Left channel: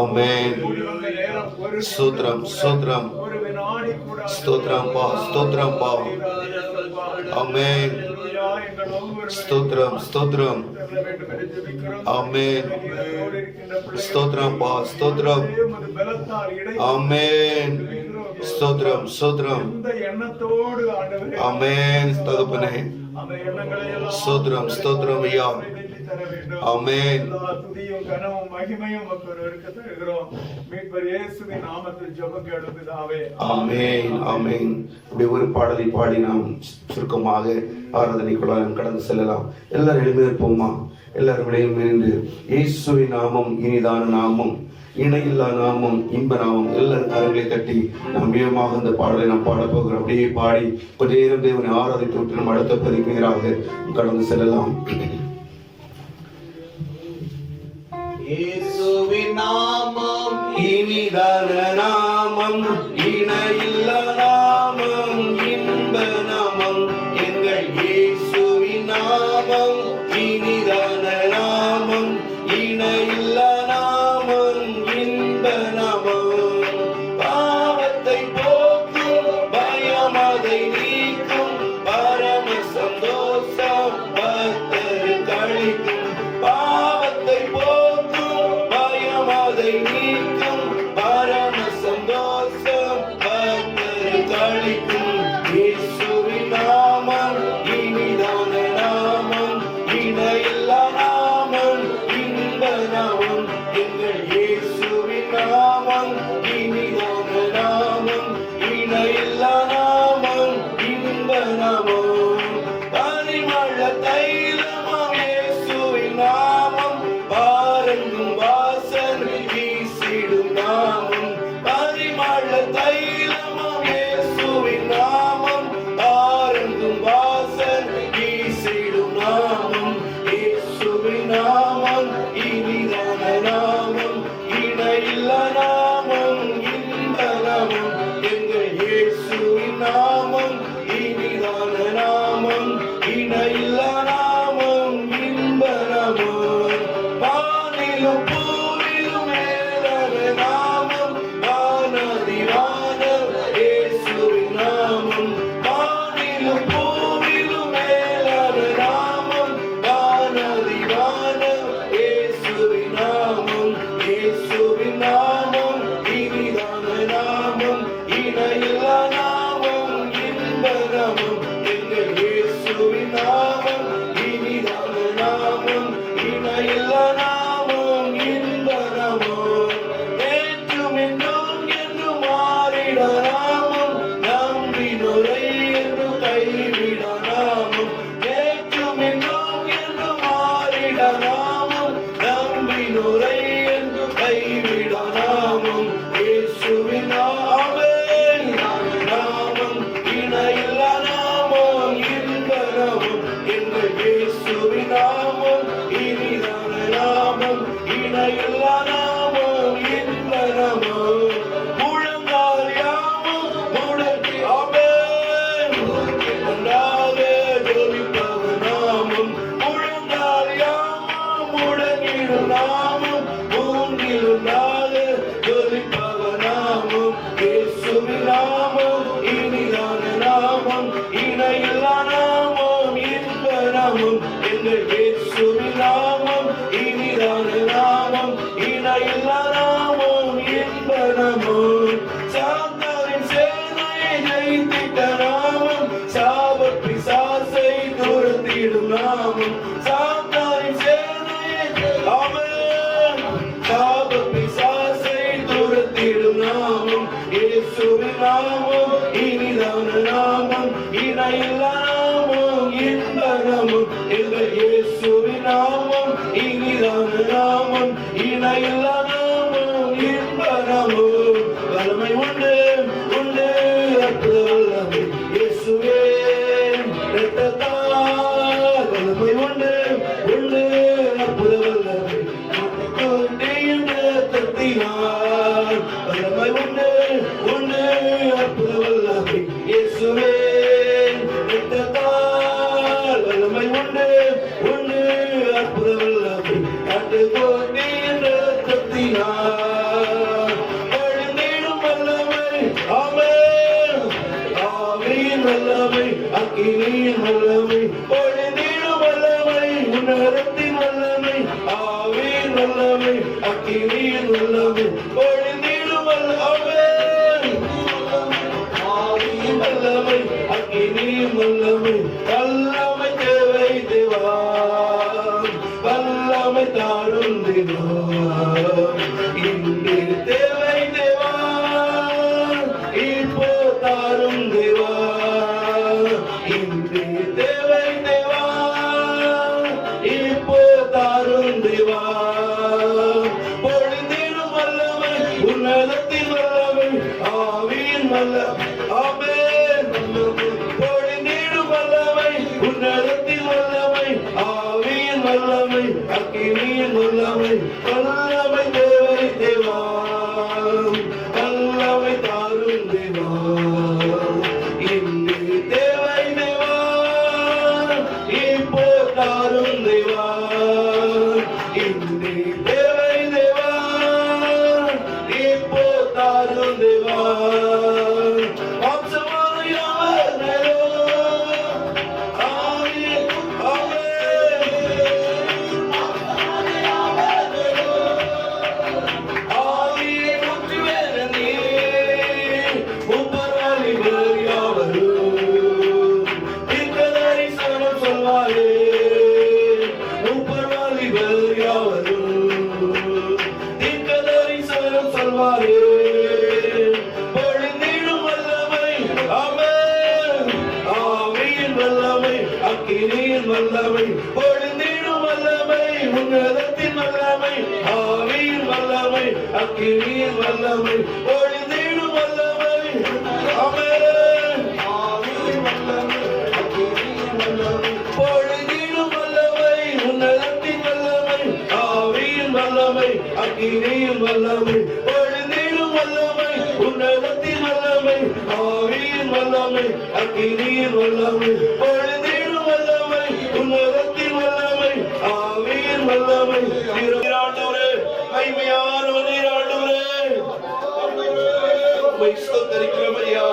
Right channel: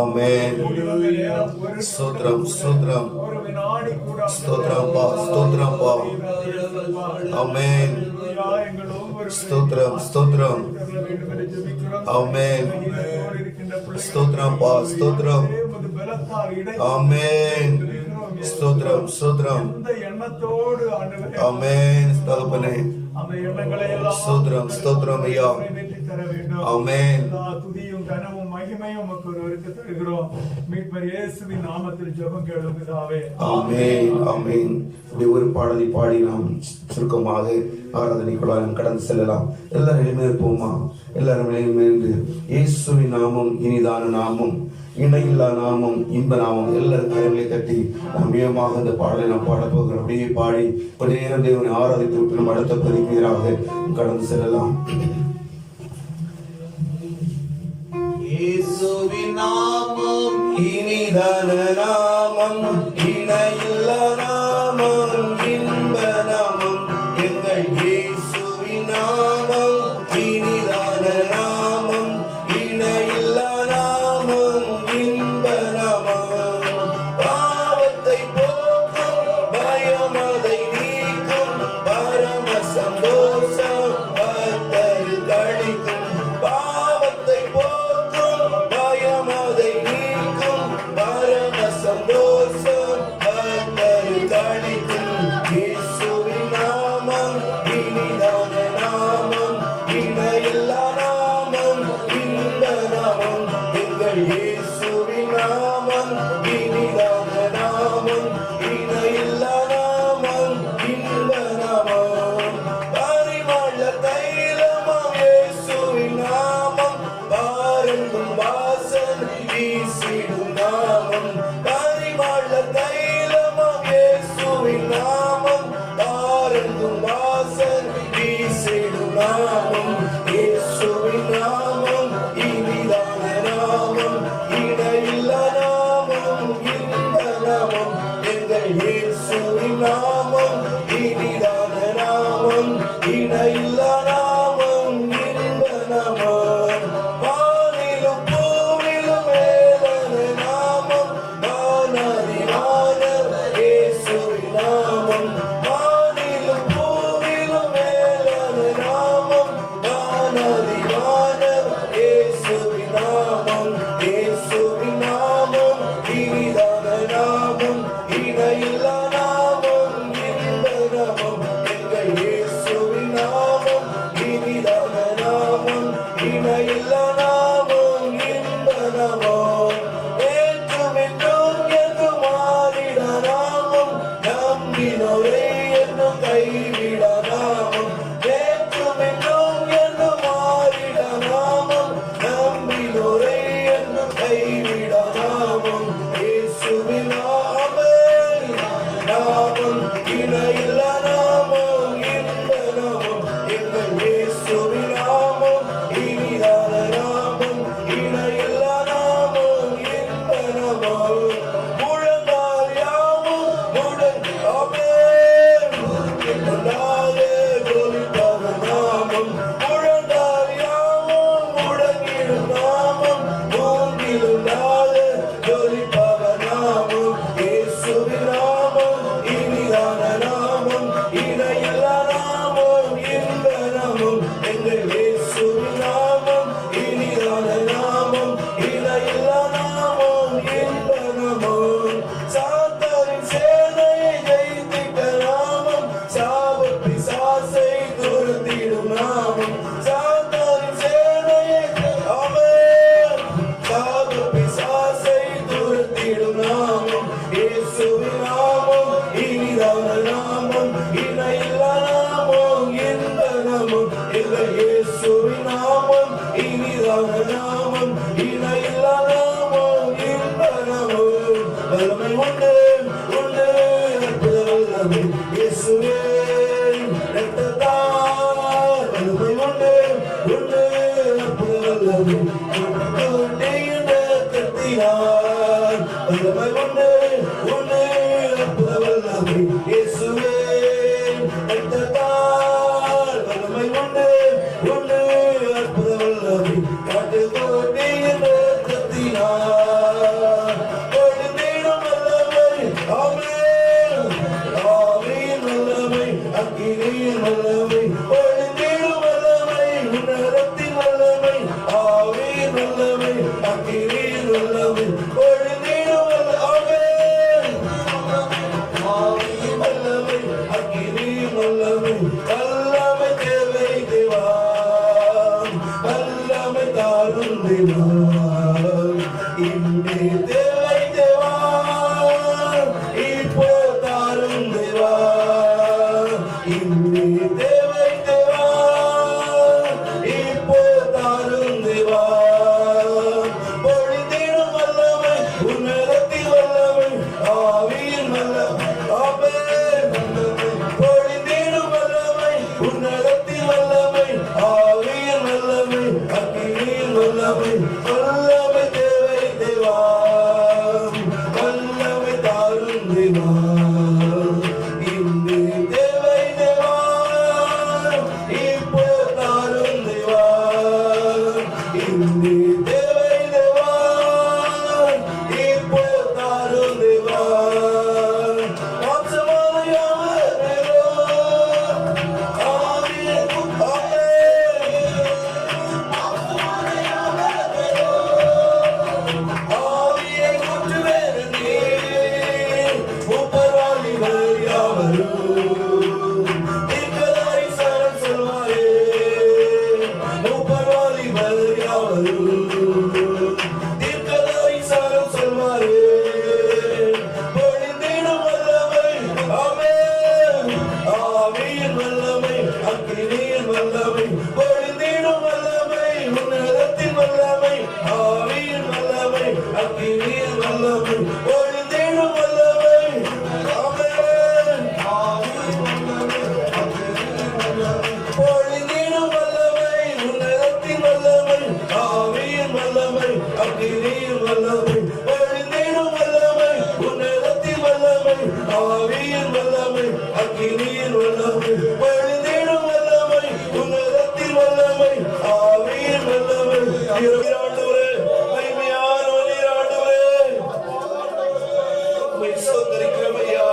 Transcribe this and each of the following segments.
ஆமென். ஸ்தோத்திரம் ஸ்தோத்திரம் ஸ்தோத்திரம் பா ஸ்தோத்திரம் பா. ஆமென். ஸ்தோத்திரம் ஸ்தோத்திரம். ஆமென். ஸ்தோத்திரம் பா ஸ்தோத்திரம். ஆமென். ஸ்தோத்திரம் ஸ்தோத்திரம். ஆமென். தகப்பனே ஸ்தோத்திரம் ஸ்தோத்திரம் ஐயா. ஆமென். துதியும் கனமும் மகிமையும் ஒருவருக்கு தருகிறோம். மீட்பர் இயேசுவின் நாமத்தில் ஜெபம் கேளும் பிதாவே. ஆமென் ஆமென். இப்படி ஒரு பாடலை பாடி நாம் சுருக்கமாக ஆராதனைக்குள்ளாக கடந்து செல்லலாம். எல்லாரும் எழுந்திருப்போமா? எல்லாரும் எழுந்து இயேசுவின் நாமம் இனிதான நாமம், இணையில்லா நாமம், இன்ப நாமம். எல்லாரும் கரங்களை தட்டி நாம் வேகமாக அந்த பாடலை நாம் பாடப் போகிறோம். அப்படியே பாடி கொஞ்ச நேரம் தேவனை ஆராதித்து விட்டு நம்ம அடுத்த பதிக்கிறாக கடந்து செல்லலாம். இயேசுவின் நாமம் இனிதான நாமம், இணையில்லா நாமம், இன்ப நாமம். எங்கள் இயேசுவின் நாமம் இனிதான நாமம், இணையில்லா நாமம், இன்ப நாமம். பாவத்தை போக்கும், பயம் அதை நீக்கும், பரம சந்தோஷம் பக்தருக்கு அளிக்கும். பாவத்தை போக்கும், பயம் அதை நீக்கும், பரம சந்தோஷம் பக்தருக்கு அளிக்கும். இயேசுவின் நாமம் இனிதான நாமம், இணையில்லா நாமம், இன்ப நாமம். எங்கள் இயேசுவின் நாமம் இனிதான நாமம், இணையில்லா நாமம், இன்ப நாமம். பரிமள தைலமாம் இயேசுவின் நாமம், பாருங்கும் வாசன் வீசிடும் நாமம். பரிமள தைலமாம் இயேசுவின் நாமம், பாருங்கும் வாசன் வீசிடும் நாமம். இயேசுவின் நாமம் இனிதான நாமம், இணையில்லா நாமம், இன்ப நாமம். எங்கள் இயேசுவின் நாமம் இனிதான நாமம், இணையில்லா நாமம், இன்ப நாமம். வானிலும் பூவிலும் மேலான நாமம், வானதிவானம் இயேசுவின் நாமம். வானிலும் பூவிலும் மேலான நாமம், வானதிவானம் இயேசுவின் நாமம். இயேசுவின் நாமம் இனிதான நாமம், இணையில்லா நாமம், இன்ப நாமம். எங்கள் இயேசுவின் நாமம் இனிதான நாமம், இணையில்லா நாமம், இன்ப நாமம். நேற்றும் இன்றும் என்றும் மாறிடா நாமம், நம்பினோரை என்றும் கைவிடா நாமம். நேற்றும் இன்றும் என்றும் மாறிடா நாமம், நம்பினோரை என்றும் கைவிடா நாமம். இயேசுவின் நாமம் நாமம், இணையில்லா நாமம், இன்ப நாமம். எங்கள் இயேசுவின் நாமம் இனிதான நாமம், இணையில்லா நாமம், இன்ப நாமம். முழங்கால் யாவும் முடங்கி ஆமென் ஒன்றாக ஜெபிப்பவ நாமம். முழங்கால் யாவும் முடங்கிடும் நாமம், மூன்றிலொன்றாக ஜெபிப்பவ நாமம். இயேசுவின் நாமம் இனிதான நாமம், இணையில்லா நாமம், இன்ப நாமம். எங்கள் இயேசுவின் நாமம் இனிதான நாமம், இணையில்லா நாமம், இன்ப நாமம். சாத்தானின் சேனையை ஜெயித்திட்ட நாமம், சாப பிசாசை துரத்திடும் நாமம். சாத்தானின் சேனையை ஆமென், சாப பிசாசை துரத்திடும் நாமம். இயேசுவின் நாமம் இனிதான நாமம், இணையில்லா நாமம், இன்ப நாமம். எங்கள் இயேசுவின் நாமம் இனிதான நாமம், இணையில்லா நாமம், இன்ப நாமம். வல்லமை உண்டு உண்டு அற்புத வல்லமை இயேசுவே இரத்தத்தால். வல்லமை உண்டு உண்டு அற்புத வல்லமை கொண்டேயின் இரத்தத்தினால். வல்லமை உண்டு உண்டு அற்புத வல்லமை இயேசுவே இரத்தத்தால். வல்லமை உண்டு உண்டு அற்புத வல்லமை கொண்டேயின் இரத்தத்தினால். அக்கினியில் வல்லமை, பொழுதிலும் வல்லமை, உன்னதத்தில் வல்லமை, ஆவியின் வல்லமை, அக்கினியில் வல்லமை, பொழுதிலும் வல்லமை, உன்னதத்தில் வல்லமை, ஆவியின் வல்லமை. நீராண்டவரே, மகிமையானவர் நீராண்டவரே, உம்மை ஸ்தோத்திரிக்கிறோம் ஐயா,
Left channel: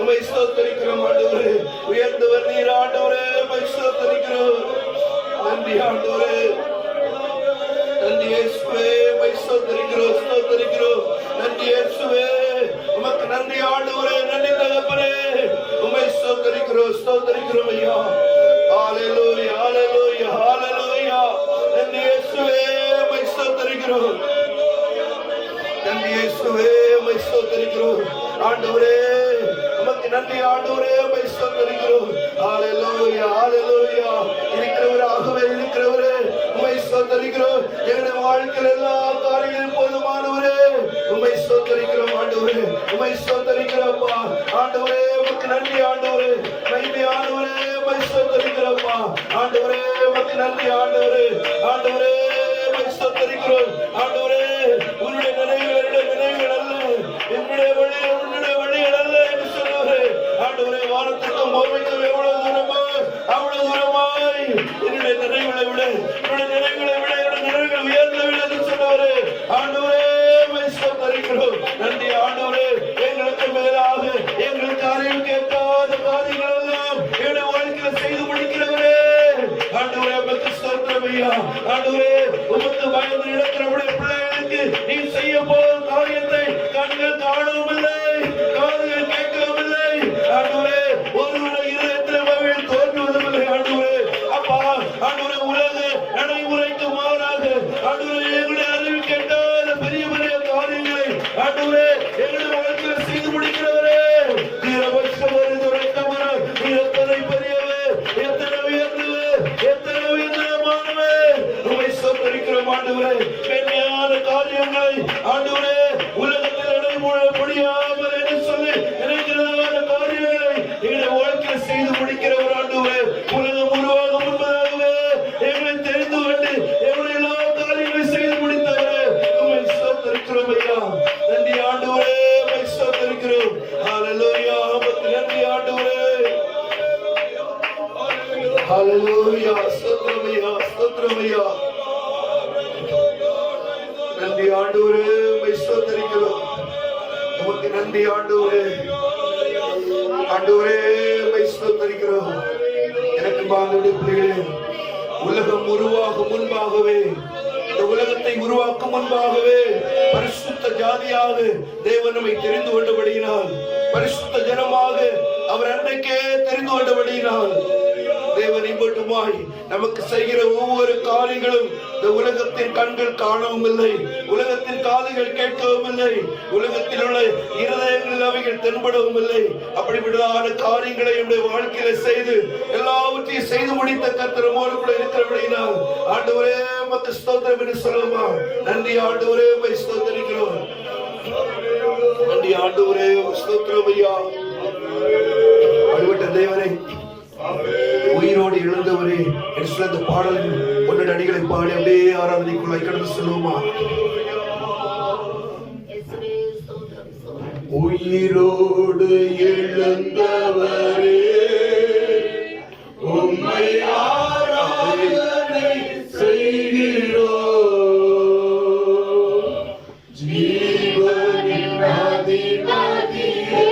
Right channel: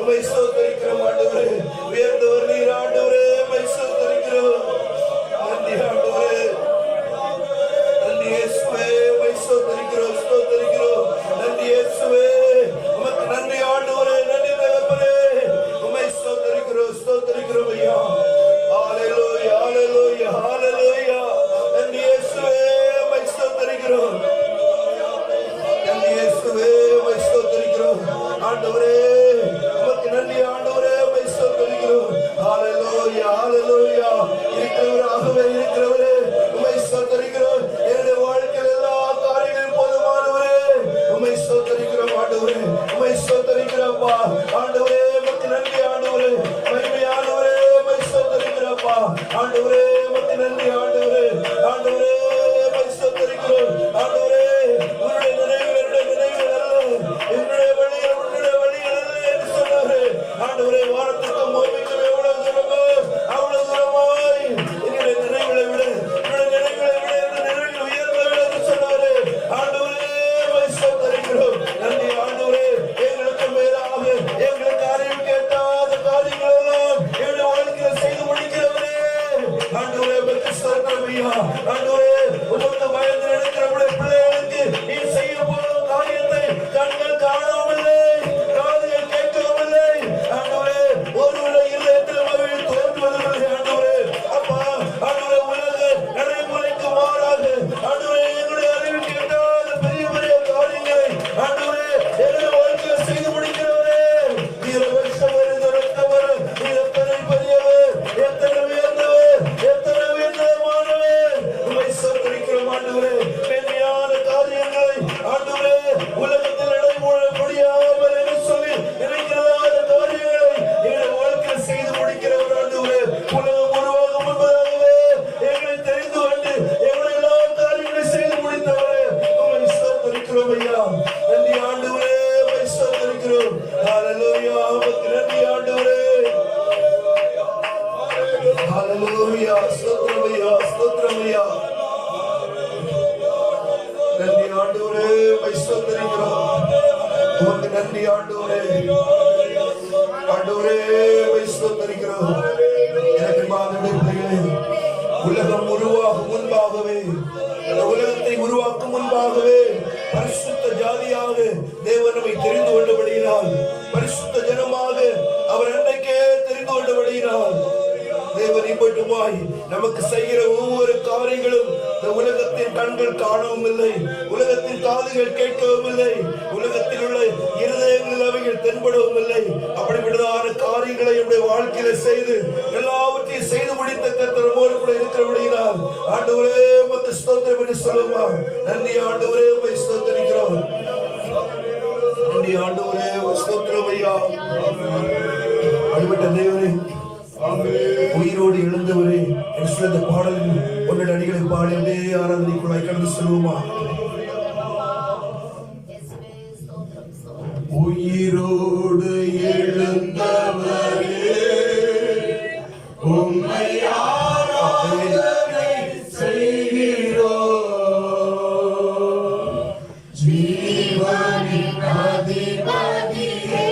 உம்மை ஸ்தோத்திரிக்கிறோம் ஆண்டவரே. உயர்ந்தவர் நீர் ஆண்டவரே, உம்மை ஸ்தோத்திரிக்கிறோம். நன்றி ஆண்டவரே, நன்றி இயேசுவே, உம்மை ஸ்தோத்திரிக்கிறோம், ஸ்தோத்திரிக்கிறோம். நன்றி இயேசுவே, உமக்கு நன்றி ஆண்டவரே, நன்றி தகப்பனே, உம்மை ஸ்தோத்திரிக்கிறோம், ஸ்தோத்திரிக்கிறோம் ஐயா. ஹalleluya, ஹalleluya, ஹalleluya. நன்றி இயேசுவே, உம்மை ஸ்தோத்திரிக்கிறோம். நன்றி இயேசுவே, உம்மை ஸ்தோத்திரிக்கிறோம். ஆண்டவரே, உமக்கு நன்றி ஆண்டவரே, உம்மை ஸ்தோத்திரிக்கிறோம். ஹalleluya, ஹalleluya. இருக்கிறவராகவே இருக்கிறவரே, உம்மை ஸ்தோத்திரிக்கிறோம். எங்களுடைய வாழ்க்கையில் எல்லா காரியங்களும் போதுமானவரே, உம்மை ஸ்தோத்திரிக்கிறோம் ஆண்டவரே, உம்மை ஸ்தோத்திரிக்கிறோம்ப்பா. ஆண்டவரே, உமக்கு நன்றி ஆண்டவரே, மகிமையானவரே, உம்மை ஸ்தோத்திரிக்கிறோம்ப்பா. ஆண்டவரே, உமக்கு நன்றி ஆண்டவரே, ஆண்டவரே, உம்மை ஸ்தோத்திரிக்கிறோம். ஆண்டவரே, உன்னுடைய நினைவுகள் என்னுடைய நினைவுகள் அல்ல, என்னுடைய வழிகள் உன்னுடைய வழிகள் அல்ல என்று சொன்னவரே. ஆண்டவரே, வானத்திற்கும் பூமிக்கும் எவ்வளவு தூரமோ அவ்வளவு தூரமாய் என்னுடைய நினைவுகளை விட, என்னுடைய நினைவுகளை விட என்னுடைய நினைவுகள் உயர்ந்தவில்லை என்று சொன்னவரே. ஆண்டவரே, உம்மை ஸ்தோத்திரிக்கிறோம். நன்றி ஆண்டவரே, எங்களுக்கு மேலாக எங்களுக்கு அறிவு கேட்டாத காரியங்கள் எல்லாம் என்னுடைய வாழ்க்கையில செய்து முடிக்கிறவரே. ஆண்டவரே, உமக்கு ஸ்தோத்திரம் ஐயா. ஆண்டவரே, உமக்கு பயந்து நடக்கிறவருடைய பிள்ளைகளுக்கு நீ செய்ய போகும் காரியத்தை கண்கள் காணவில்லை, காதுகள் கேட்கவில்லை. ஆண்டவரே, ஒருவருடைய இருதயத்தில் மகிழ் தோன்றுவதில்லை. ஆண்டவரே, அப்பா, ஆண்டவரே, உலக நடைமுறைக்கு மாறாக ஆண்டவரே, எங்களுடைய அறிவு கேட்டாத பெரிய பெரிய காரியங்களை ஆண்டவரே எங்களுடைய வாழ்க்கையில செய்து முடிக்கிறவரே. நீரபட்சமரு துறக்கமரு, நீ எத்தனை பெரியவர், எத்தனை உயர்ந்தவர், எத்தனை உயர்ந்தமானவர். உம்மை ஸ்தோத்திரிக்கிறோம் ஆண்டவரே. மேன்மையான காரியங்களை ஆண்டவரே உலகத்தில் நடைமுறை முடியாமல் என்று சொல்லி நினைக்கிறதான காரியங்களை எங்களுடைய வாழ்க்கையில் செய்து முடிக்கிறவர் ஆண்டவரே. உலகம் உருவாகும் முன்பதாகவே எங்களை தெரிந்து கொண்டு எங்களுடைய எல்லா காரியங்களையும் செய்து முடித்தவரே. உம்மை ஸ்தோத்திரிக்கிறோம் ஐயா. நன்றி ஆண்டவரே, உம்மை ஸ்தோத்திரிக்கிறோம். ஹalleluya, உமக்கு நன்றி ஆண்டவரே. ஹalleluya, ஸ்தோத்திரம் ஐயா, ஸ்தோத்திரம் ஐயா. நன்றி ஆண்டவரே, உம்மை ஸ்தோத்திரிக்கிறோம். உமக்கு நன்றி ஆண்டவரே. ஆண்டவரே, உம்மை ஸ்தோத்திரிக்கிறோம். எனக்கு வாங்குகிற பிள்ளைகளே, உலகம் உருவாகும் முன்பாகவே, இந்த உலகத்தை உருவாக்கும் முன்பாகவே பரிசுத்த ஜாதியாக தேவன் நம்மை தெரிந்து கொண்டபடியினால், பரிசுத்த ஜனமாக அவர் அன்றைக்கே தெரிந்து கொண்டபடியினால், தேவன் இப்பட்டுமாய் நமக்கு செய்கிற ஒவ்வொரு காரியங்களும் இந்த உலகத்தின் கண்கள் காணவும் இல்லை, உலகத்தின் காதுகள் கேட்கவும் இல்லை, உலகத்தில் உள்ள இருதயங்களில் அவைகள் தென்படவும் இல்லை. அப்படிப்பட்டதான காரியங்களை நம்முடைய வாழ்க்கையில செய்து எல்லாவற்றையும் செய்து முடித்த கர்த்தர் நம்மோடு கூட இருக்கிறபடியினால் ஆண்டவரே, உமக்கு ஸ்தோத்திரம் என்று சொல்லுமா. நன்றி ஆண்டவரே, உம்மை ஸ்தோத்திரிக்கிறோம். நன்றி ஆண்டவரே, ஸ்தோத்திரம் ஐயா. அடிபட்ட தேவனே, உயிரோடு எழுந்தவரே என்று சொல்ல இந்த பாடல் ஒன்று அடிகளை பாடி அப்படியே ஆராதனைக்குள்ளாய் கடந்து சொல்லுமா. உயிரோடு எழுந்தவரே உம்மை ஆராதனை செய்கிறோம். ஜீவனின் அதிபதியே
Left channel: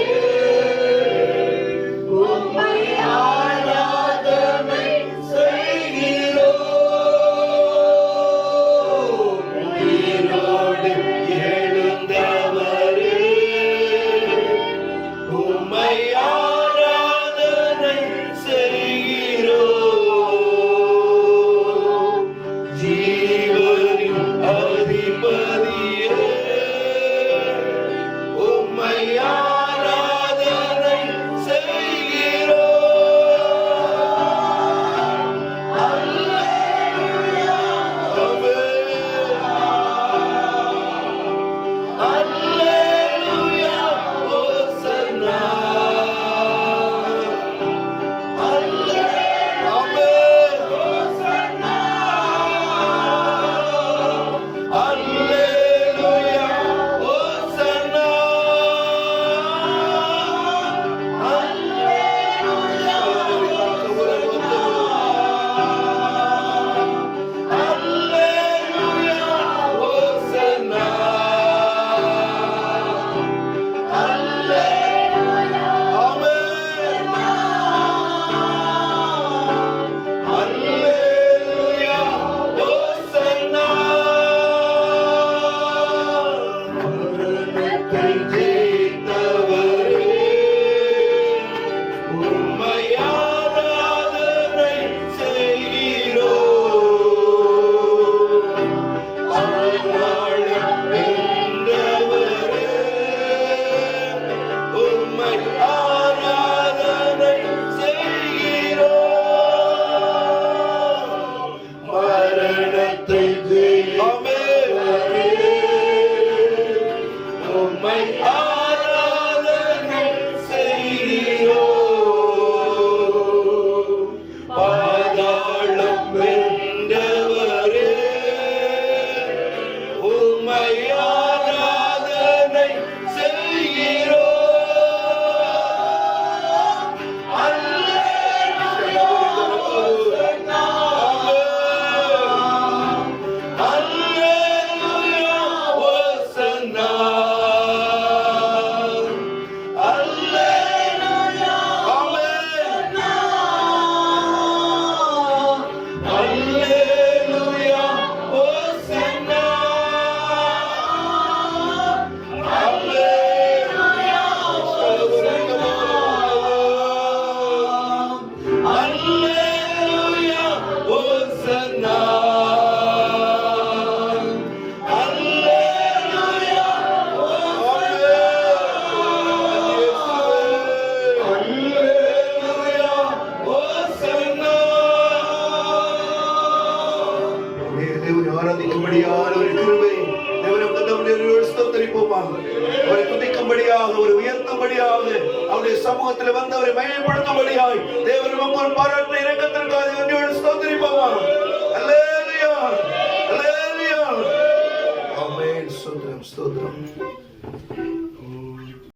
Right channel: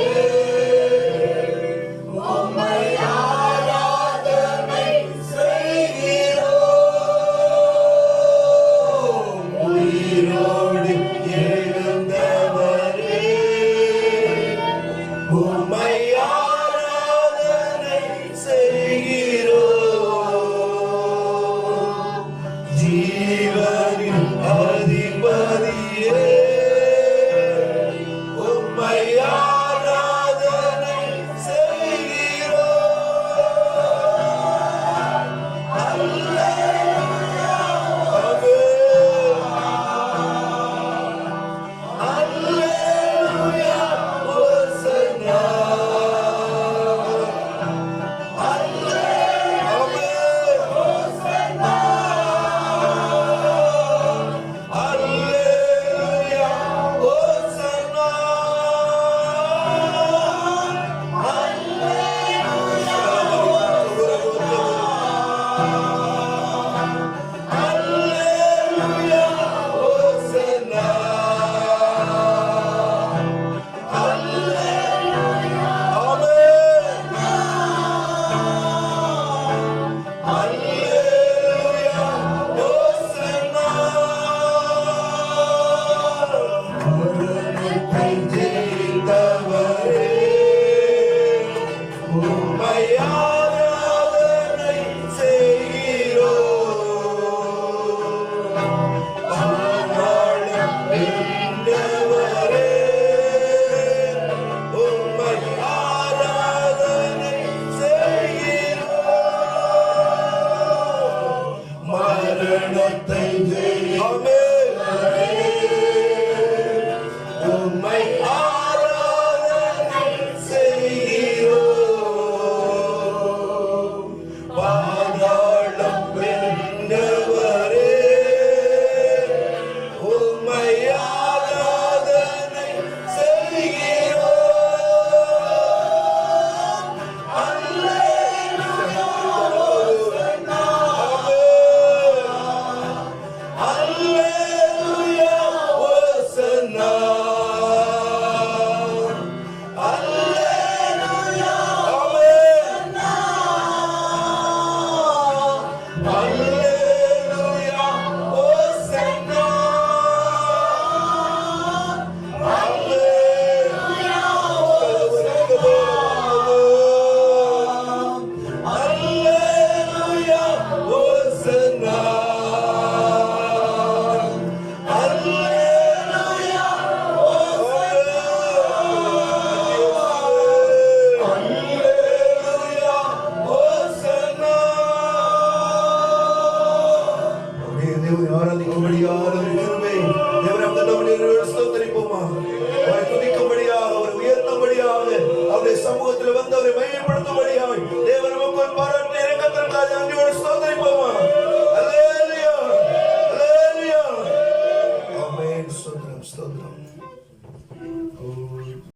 மகிமையா